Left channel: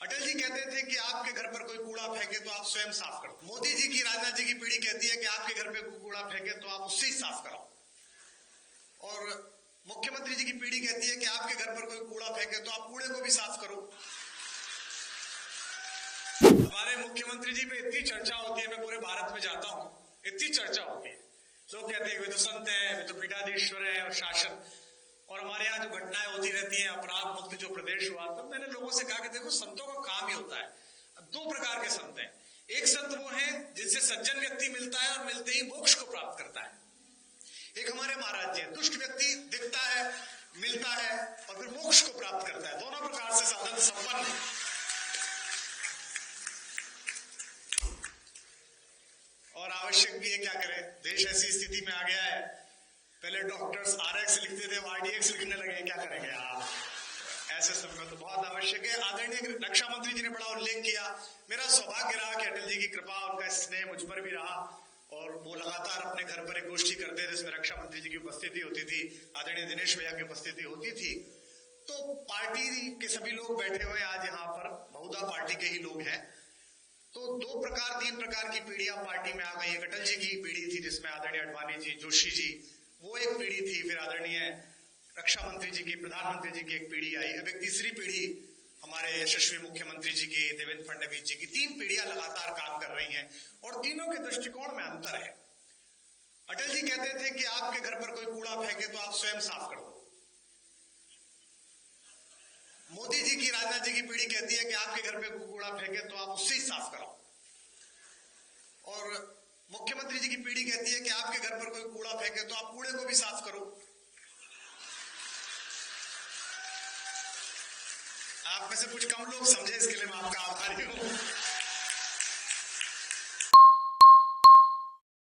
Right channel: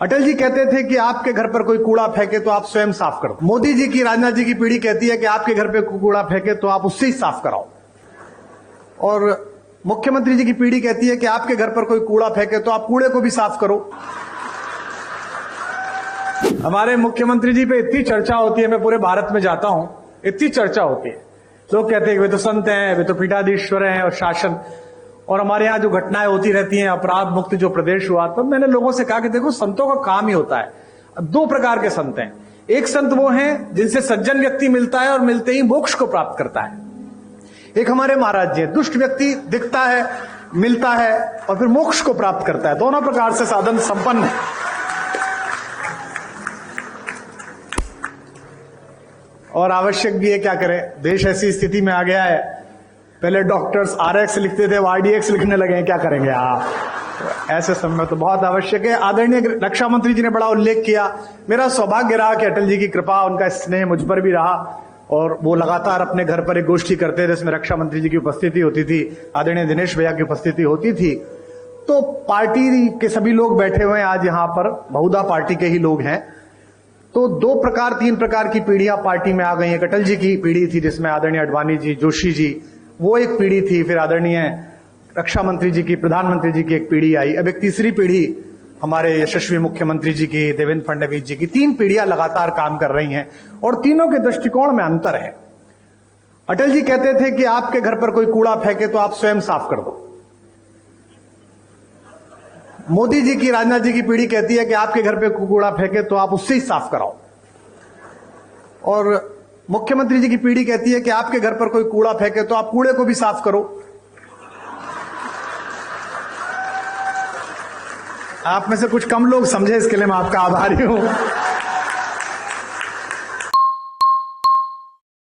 अटल जी कहते थे कि आपके घर पर कोई कूड़ा फेंके तो आप स्वयं साफ करो। मोदी जी की, राजनाथ जी की पीढ़ी कहती है कि आपके घर पे कूड़ा फेंके तो आप उससे ही साफ कराओ। और मुख्यमंत्री जी की पीढ़ी कहती है कि आपके घर पर कोई कूड़ा फेंके तो आप कूड़े को भी साफ करो। हमारे मुख्यमंत्री जी पे इतनी चर्चा होती है, मैं पूरे भारत में जाता हूं, इतनी चर्चा होती है। लोग कहते हैं कि वे तो संत हैं, वे तो पीठाधीश्वर हैं और शासन, और हमारे यहाँ जो घटनाएं होती रहती हैं, अपराध मुक्त जो प्रदेश हुआ, तो मैंने लोगों से कहा कि देखो, संतों का काम ही होता है। दो प्रकार के संत हैं। एक संत वो हैं जिनसे सज्जन व्यक्ति मिलता है और मिलते ही मोक्ष को प्राप्त करता है। एक हमारे महाराज जी, दुष्ट व्यक्ति दिखता है, मिलता है और फिर मोक्ष को प्राप्त करता है। दोनों प्रकार से साधन संपन्न है। और आवश्यक भी है, क्या करें, देश ऐसी स्थिति में आ गया है। पहले डॉक्टर्स RX लिखते थे, वो RDX लिखने लगे हैं, क्या करेंगे आप। तो ऐसे समय तो बहुत आवश्यक है। आदरणीय रक्षा मंत्री जी ने बड़ा उल्लेख किया। मेरा सौभाग्य रहा कि अटल जी की कृपा, उनका स्नेह मुझ पर भी रहा और वो लगातार अपने घर पर एक गोष्ठी करते थे जिसमें रक्षा मंत्री जी की उपस्थिति होती थी, आदरणीय दिनेश भैया की उपस्थिति होती थी। तो पार्टी के सभी लोग बैठे हुए हैं आज यहाँ पर, बहुधा पार्टी के ही लोग हैं। तो तीन प्रकार की पीढ़ियां पार्टी में आ गई हैं। अटल जी की पीढ़ी थी जिसमें आदरणीय अडवाणी जी, जोशी जी, वो एक पीढ़ी थी। फिर आदरणीय रक्षा मंत्री जी की, प्रधानमंत्री जी की एक पीढ़ी आई। अब एक तीसरी पीढ़ी हमारे यशस्वी मुख्यमंत्री जी की, देवेंद्र फडणवीस जी की। तीन पीढ़ियां लगातार काम कर रही हैं और तीनों के दृष्टिकोण में अंतर है। अटल जी कहते थे कि आपके घर पर कोई कूड़ा फेंके तो आप स्वयं साफ कर दो। मोदी जी की, राजनाथ जी की पीढ़ी कहती है कि आपके घर पे कूड़ा फेंके तो आप उससे ही साफ कराओ। और मुख्यमंत्री जी की पीढ़ी कहती है कि आपके घर पर कोई कूड़ा फेंके तो आप कूड़े को भी साफ करो। आप में से कुछ कम लोग समझे, इसके लिए मैं आपका आभारी हूं।